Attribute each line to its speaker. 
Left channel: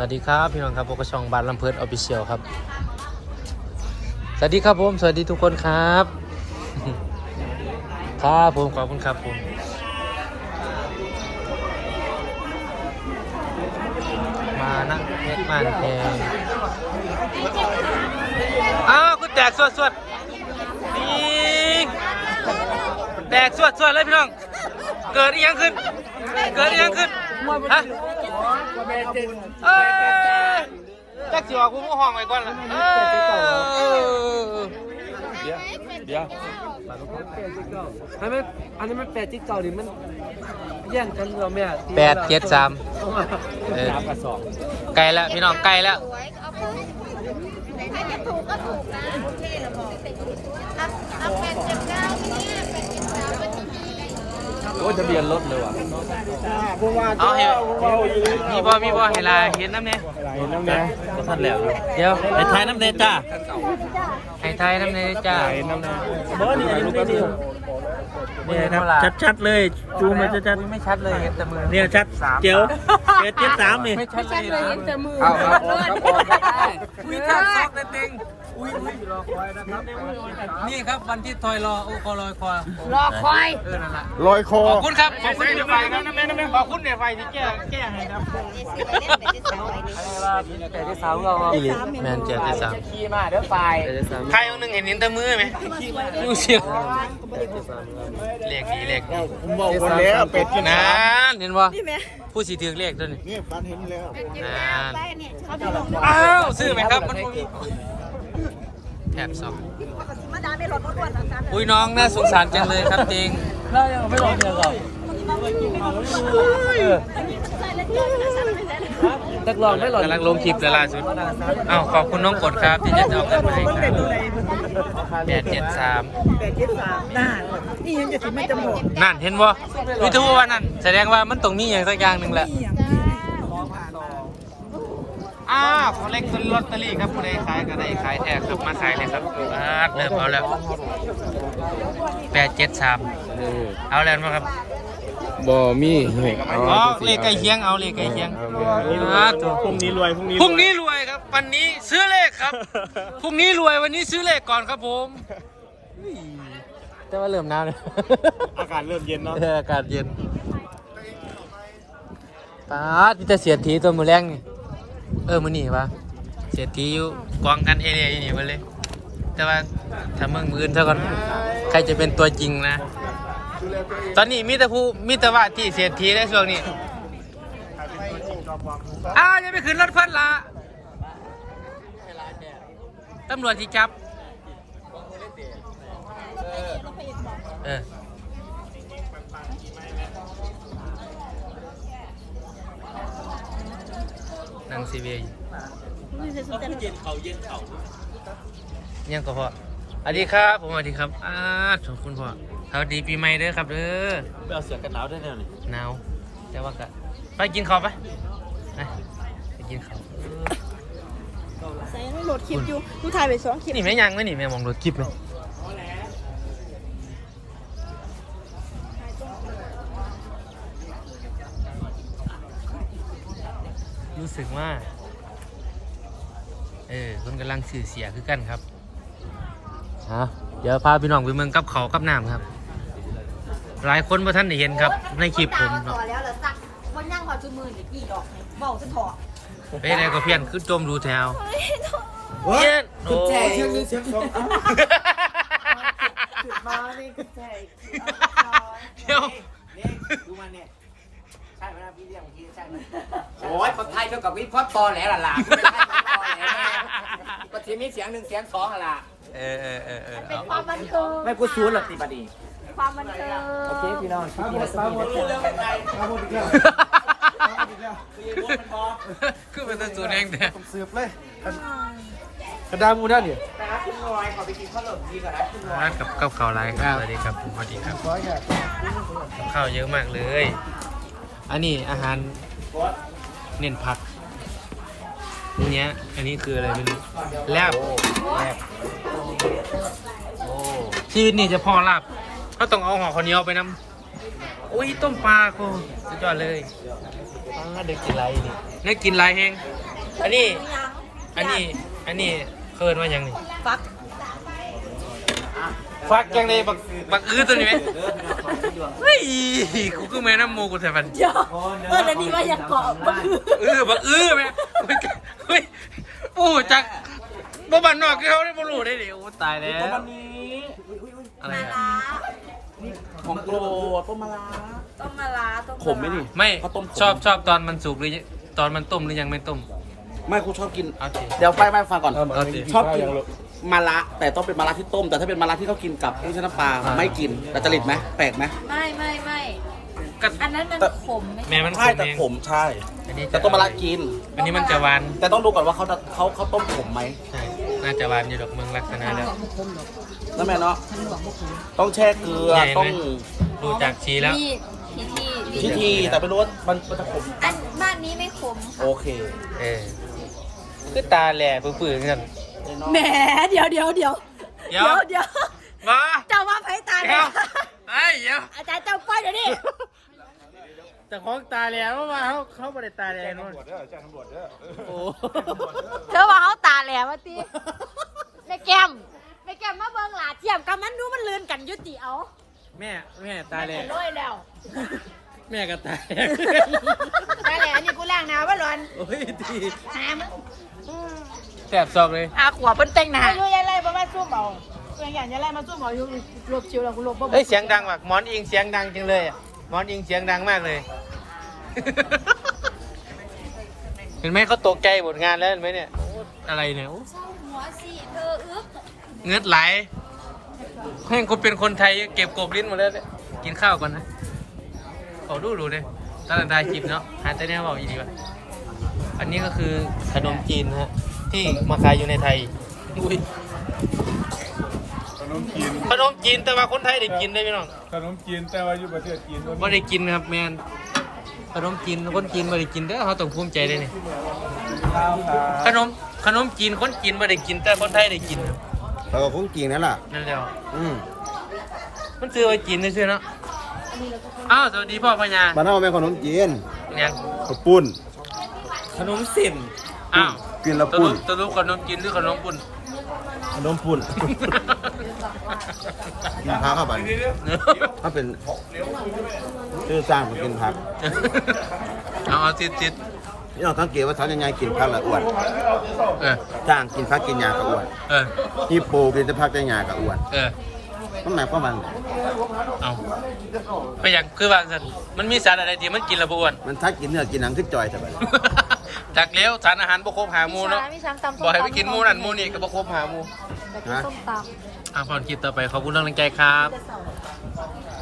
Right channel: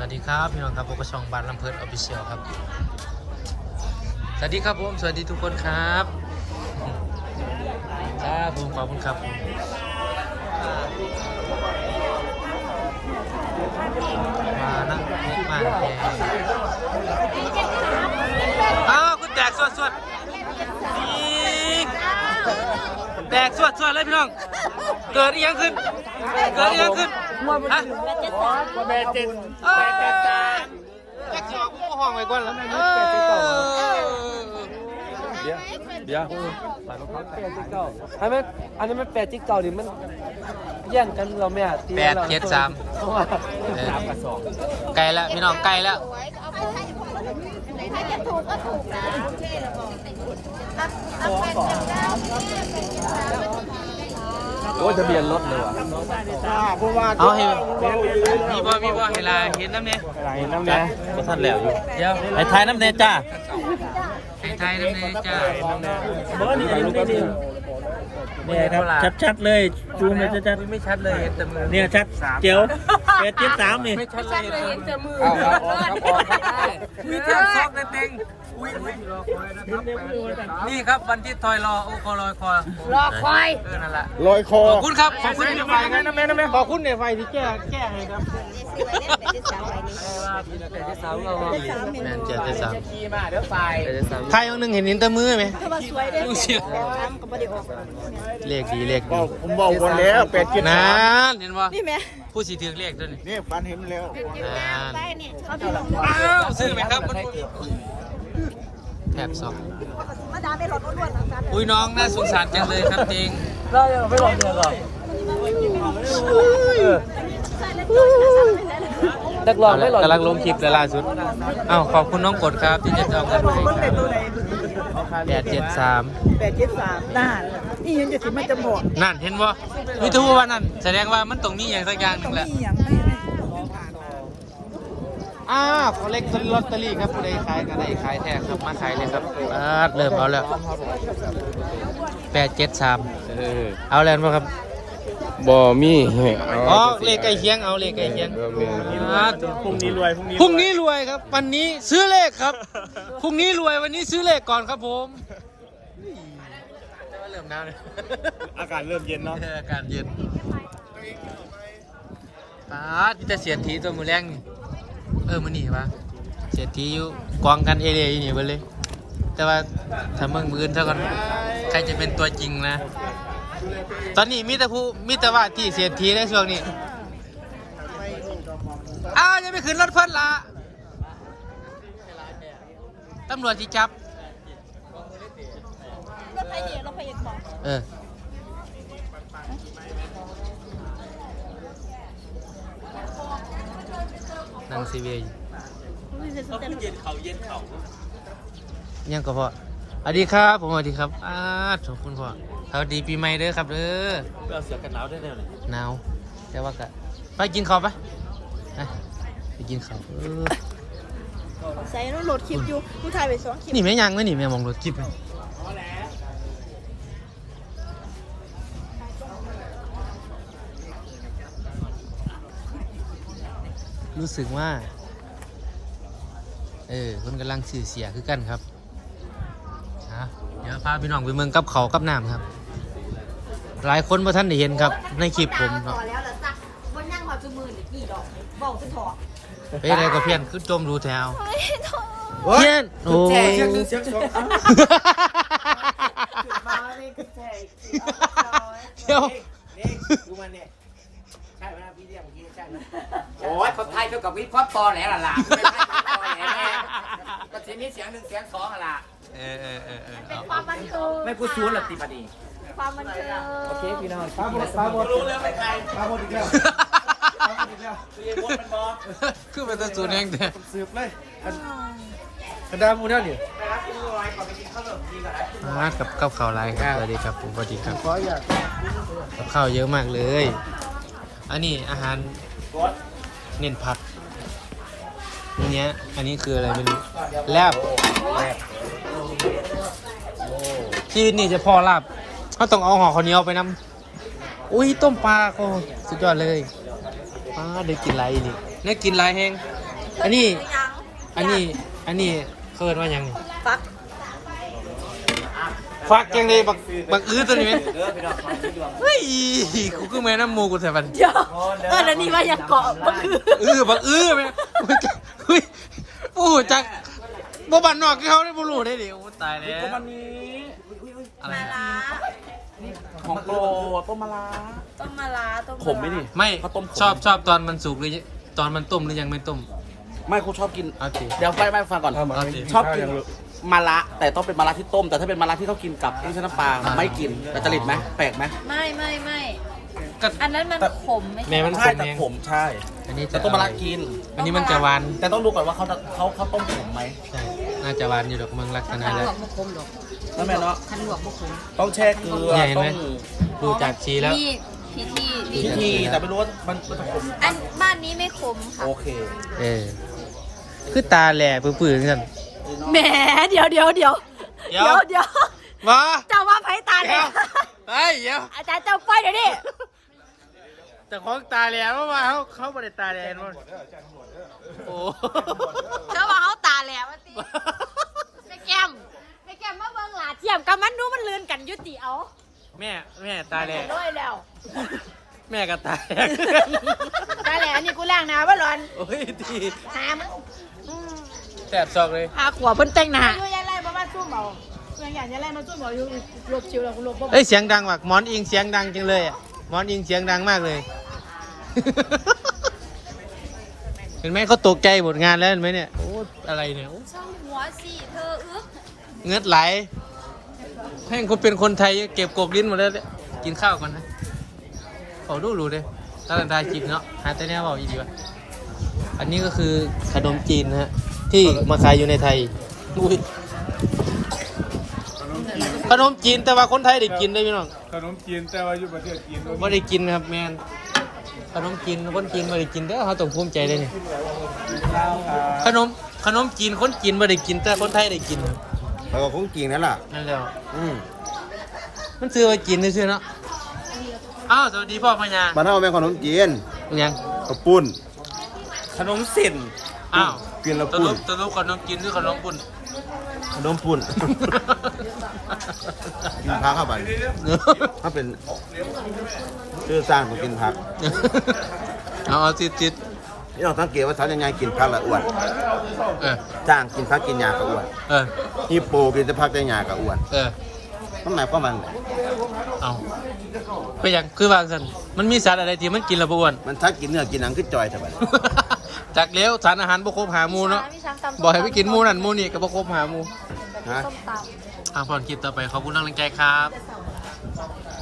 Speaker 1: วัสดีครับพี่น้องครับพบกับช่องบานลำเพิดออฟฟิเชียลครับ สวัสดีครับผม สวัสดีทุกคนครับ ครับผมขอบคุณครับผมมานะเพชรมานแพงอ้าวคุณแตกสวดสวดยิงแตกสวดสวดเลยพี่น้อง เกิดอีหยังขึ้น เกิดอีหยังขึ้น ฮะ
Speaker 2: แม่เจ็ด
Speaker 1: เอ้ยจักสิว่ากูก็ห้องไว้ก่อนแล้ว
Speaker 2: เดี๋ยวเดี๋ยวอันนั้นอันนั้นมันแปดจิ๊กเก่าหรือมันแย่งกันเราแม่
Speaker 1: แปดเจ็ดสามเออไกลแล้วพี่น้องไกลแล้ว
Speaker 2: โอ้ทะเบียนรถเลย
Speaker 3: เพราะว่า
Speaker 1: เอาเห็นมีบ่มีบ่เห็นลาเห็นน้ำเนี่ย
Speaker 3: อะไรน้ำเนี่ย
Speaker 2: ก็ทันแล้วอยู่
Speaker 1: เดี๋ยวไอ้ไทยน้ำเนี่ยจ้าไอ้ไทยน้ำเนี่ยจ้า
Speaker 2: บอสนี่ลูกก็คือเนี่ยครับชัดๆเลยจูงมาชัด
Speaker 1: ไม่ชัดเลยเห็นแต่มือ
Speaker 2: ๆเนี่ยชัดเจียวแปดเจ็ดสามนี่
Speaker 1: ไม่ชัดเลยนะ
Speaker 3: เอาเอา
Speaker 1: อุ้ยแทบซอกเลยเต็งอุ้ยนี่ครับวันที่ทอยรอโอ้คอลอยคอ
Speaker 4: รอควาย
Speaker 1: เออนั่นแหละ
Speaker 3: ลอยคอ
Speaker 1: ขอบคุณครับขอบคุณในไฟนะขอบคุณในไฟที่แก้แก้ให้ครับแมนเจ็ดที่สาม
Speaker 2: แปดเจ็ดสาม
Speaker 1: ใครคนหนึ่งเห็นนิ้นแต่มือไหมดูสิเลขดีเลขดี
Speaker 3: ผมบอกคนแล้วเป็ดกิน
Speaker 1: นานเห็นป่ผู้สีถือเลขด้วยนี่
Speaker 3: นี่ฟันเห็นแล้ว
Speaker 1: นานอ้าวซื้อไหมครับมันแถบสองอุ้ยน้องน่าสงสารจังเลยครับจริง
Speaker 2: ไม่ลองเลยหรอตักลองไม่หรอกำ
Speaker 1: ลังลงคลิปเลยล่าสุดอ้าวขอบคุณน้องกดครับที่จะเอาเงินมาให้ครับแปดเจ็ดสาม
Speaker 4: แปดเจ็ดสามน่านี่ยังจะถึงไม่จำบอก
Speaker 1: นั่นเห็นบ่วิทูว่านั่น แสดงว่ามันตรงนี้อย่างสักอย่างหนึ่งแหละ
Speaker 4: นี่ อย่างนั้น
Speaker 1: อ้าวเขาเล็กซื้อลอตเตอรี่ครับผู้ใดขายก็ได้ขายแท้ครับมาขายเลยครับอ่าเริ่มเอาแล้วแปดเจ็ดสามเอาแล้วมั้งครับ
Speaker 3: บ่มีเอา
Speaker 1: อ๋อเลขใกล้เคียงเอาเลขใกล้เคียงอ่าตัว
Speaker 2: พรุ่งนี้รวยพรุ่งนี้
Speaker 1: พรุ่งนี้รวยครับ วันนี้ซื้อเลขครับพรุ่งนี้รวยวันนี้ซื้อเลขก่อนครับผมจะว่าเริ่มหนาวเลย
Speaker 2: อากาศเริ่มเย็นแล้ว
Speaker 1: เอออากาศเย็นปาดพี่จะเสียทีตัวมือแรงนี่ เออมือนี่ปะเสียทีอยู่กองกันเอเรียอยู่นี่ไปเลย แต่ว่าถ้าเมืองมืออื่นเท่ากันใครจะเป็นตัวจริงนะ ตอนนี้มีแต่ผู้มีแต่ว่าที่เสียทีในช่วงนี้อ้าวยังไม่ขึ้นรถเพิ่นละตำรวจที่จับ
Speaker 4: รถไฟเอกรถไฟเอกบอก
Speaker 1: เออ นั่งซีเวย์อยู่
Speaker 4: ไม่ใช่สนใจรถ
Speaker 1: ยังก็พอสวัสดีครับผมสวัสดีครับอ้าขอบคุณพ่อสวัสดีปีใหม่เด้อครับเด้อ
Speaker 2: ก็เสือกันหนาวได้เลย
Speaker 1: หนาวแต่ว่าก็ไปกินข้าวไปไปไปกินข้าว
Speaker 4: ใส่รถโหลดคลิปอยู่ดูถ่ายไปสองคลิป
Speaker 1: นี่แม่ยังไหมนี่แม่มองรถจิบไหม รู้สึกว่า เออคนกำลังสื่อเสียคือกันครับฮะเดี๋ยวพาพี่น้องไปเมืองกับเขาวกับน้ำครับ หลายคนพอท่านได้เห็นครับ ในคลิปผมเนาะ
Speaker 4: ต่อแล้วเหรอสักมันนั่งพอจุมือหรือกี่ดอกเบาจะถอด
Speaker 1: ไปไหนก็เพี้ยนขึ้นจมดูแถว
Speaker 3: โอ้ย
Speaker 1: โอ้
Speaker 3: แจกเสียงหนึ่งเสียงสอง
Speaker 4: มานี่คือแทง
Speaker 1: เดี๋ยว
Speaker 5: ดูมันเนี่ย ใช่ไหมพี่เลี้ยงพี่ใช่ไหมโอ้ยคนไทยเท่ากับวิพอดตอแหลล่ะล่ะไม่ใช่ตอแหลแน่ก็ทีนี้เสียงหนึ่งเสียงสองอะล่ะ
Speaker 1: เออเออเออเออ
Speaker 4: เป็น
Speaker 1: เอา
Speaker 4: ความบันเทิง
Speaker 5: ไม่พูดซูนหรอกติบดี
Speaker 4: ความบันเทิง
Speaker 5: โอเคพี่น้อง
Speaker 3: ตาหมดตาหมดรู้แล้วไม่ใครตาหมดอีกแล้วตาหมดอีกแล้ว
Speaker 1: คือเป็นตัวสูนเองเด้อ
Speaker 3: สืบเลยกระดาษมูนั่นเนี่ย
Speaker 1: ร้านกับกับข้าวไรครับสวัสดีครับผมสวัสดีครับกับข้าวเยอะมากเลย อันนี้อาหารเน้นผักนี่เนี้ย อันนี้คืออะไรไม่รู้แลบชีวิตนี่จะพอลาบเขาต้องเอาห่อข้าวเหนียวไปนำอุ้ยต้มปลาก็สุดยอดเลยอ่าได้กินไรนี่ได้กินไรแห้งอันนี้ อันนี้ อันนี้เคินว่าหยังนี่
Speaker 4: ฟัก
Speaker 1: ฟักยังเลยบักบักอื้อตัวนี้ไหมเฮ้ยกูก็แม่น้ำมูกูแต่บัน
Speaker 4: เดี๋ยวเออแล้วนี่ว่าอยากเกาะก็คือ
Speaker 1: เออบักอื้อไหมเฮ้ยโอ้จักบ่บันนอกคือเขาได้บ่รู้ได้ดิโอ้ตายแล้วอะไรอะ
Speaker 3: ของโปรต้มมะระ
Speaker 4: ต้มมะระต้ม
Speaker 3: ขมไหมนี่
Speaker 1: ไม่
Speaker 3: ข้าวต้มขม
Speaker 1: ชอบชอบตอนมันสุกหรือตอนมันต้มหรือยังไม่ต้ม
Speaker 3: ไม่ครูชอบกิน
Speaker 1: เอาสิ
Speaker 3: เดี๋ยวไปไปฟังก่อน
Speaker 1: เอาสิ
Speaker 3: ชอบกิน มะระแต่ต้องเป็นมะระที่ต้ม แต่ถ้าเป็นมะระที่เขากินกับนี่ใช่น้ำปลา
Speaker 1: อ่า
Speaker 3: ไม่กินแต่จริตไหมแปลกไหม
Speaker 4: ไม่ไม่ไม่
Speaker 1: ก็
Speaker 4: อันนั้นมันขมไม่
Speaker 1: แม่
Speaker 4: ใช่
Speaker 1: มันข
Speaker 3: ใช่
Speaker 1: ม
Speaker 3: แต่
Speaker 1: เอง
Speaker 3: ขมใช่
Speaker 1: อันนี้
Speaker 3: แต่ต้มมะระกิน
Speaker 1: อันนี้มันจะหวาน
Speaker 3: แต่ต้องดูก่อนว่าเขาเขาเขาต้มขมไหม
Speaker 1: ใช่น่าจะหวานอยู่ดอกมึงลักษณะนั้น
Speaker 3: นั่นแม่เนาะต้องแช่เกลือ
Speaker 1: ใหญ่ไหม
Speaker 3: ต้อง
Speaker 1: ดูจากสีแล้ว
Speaker 4: นี่พิธี
Speaker 3: พิธี แต่ไม่รู้ว่ามันมันจะขม
Speaker 4: อันบ้านนี้ไม่ขมค่ะ
Speaker 3: โอเค
Speaker 1: เออคือตาแหล่ปื้อๆเงิ น
Speaker 4: แหมเดี๋ยวเดี๋ยวเดี๋ยว
Speaker 1: เดี๋ยว
Speaker 4: เดี๋ยว
Speaker 1: มา
Speaker 4: เจ้าว่าไผตาแหลว
Speaker 1: เฮ้ยเดี๋ยว
Speaker 4: อาจารย์เจ้าป้อยเดี๋ยวนี้
Speaker 1: แต่ของตาแหล่ว่ามาเขาเขาไม่ได้ตาแหล่นวลโอ้
Speaker 4: เธอว่าเขาตาแหลวว่าติแม่แก้มแม่แก้มมาเบิ่งหลาเทียมกับมันดูมันเลือนกันอยุติเอา
Speaker 1: แม่แม่ตาแหล่
Speaker 4: โอ้ยแล้ว
Speaker 1: แม่ก็ตาแหล่
Speaker 4: ตาแหลวนี่กูล้างหน้าว่าร้อน
Speaker 1: โอ้ยดี
Speaker 4: หามึง
Speaker 1: แสบซอกเลย
Speaker 4: หาขวบเพิ่นแต่งหน้าอยู่ยังไงบ่มาสู้เมาเป็นอย่างยังไงมาสู้เมาอยู่หลบชิวแล้วกูหลบบ่
Speaker 1: เฮ้ยเสียงดังว่ะหมอนอิงเสียงดังจังเลยอะหมอนอิงเสียงดังมากเลย เห็นไหมเขาตกใจหมดงานแล้วเห็นไหมเนี่ยโอ้อะไรเนี่ยโอ้
Speaker 4: เศร้าหัวสิเธออึ๊บ
Speaker 1: เงือดไหลแม่งคนเป็นคนไทยเก็บกบลิ้นหมดแล้วเนี่ยกินข้าวก่อนนะเอาดูรู้เลยตลาดไทยกินเนาะหาแต่แนวบอกอีดีวะอันนี้ก็คือขนมจีนนะฮะ ที่มาขายอยู่ในไทยอุ้ยขนมจีนแต่ว่าคนไทยได้กินได้ไหมน้อง
Speaker 6: ขนมจีนแต่ว่าอยู่ประเทศจีน
Speaker 1: ไม่ได้กินครับแมนขนมจีนคนจีนไม่ได้กินเด้อเขาต้องภูมิใจเลยนี่
Speaker 3: ข้าวครับ
Speaker 1: ขนมขนมจีนคนจีนไม่ได้กินแต่คนไทยได้กินครับ
Speaker 3: เออคงจริงนั่นแหละ
Speaker 1: นั่นแหละ
Speaker 3: อืม
Speaker 1: มันซื้อมาจีนนี่ซื้อเนาะอ้าวสวัสดีพ่อพญา
Speaker 3: บ้านเราเป็นขนมจีน
Speaker 1: เนี่ยง
Speaker 3: ข้าวปุ้น
Speaker 1: ขนมสินอ้าว
Speaker 3: กินแล้ว
Speaker 1: ตะ
Speaker 3: ปุ้
Speaker 1: ลุ
Speaker 3: น
Speaker 1: ตะลุขนมจีนหรือขนมปุ่น
Speaker 3: ขนมปุ้นกินพักเข้าไปถ้าเป็นชื่อสร้างมากินพัก
Speaker 1: เอาเอาติดติด
Speaker 3: นี่เราสังเกตว่าสาวยังไงกินพักละอ้วน
Speaker 1: เออ
Speaker 3: จ้างกินพักกินยากับอ้วน
Speaker 1: เออ
Speaker 3: ฮิปโปกินแต่พักแต่ยากับอ้วน
Speaker 1: เออ
Speaker 3: มันหมายความว่าไง
Speaker 1: เอาไปอย่างคือว่าสันมันมีสารอะไรที่มันกินและบอ้วน
Speaker 3: มันทัดกินเนื้อกินหนังขึ้นจอยสบาย
Speaker 1: จากเลี้ยวสารอาหารบ่ครบหาหมูเนาะบอกให้ไปกินหมูนั่นหมูนี่ก็บ่ครบหาหมู
Speaker 3: ฮะ
Speaker 1: อะพอนคลิปต่อไปขอบคุณกำลังใจครับ
Speaker 3: ค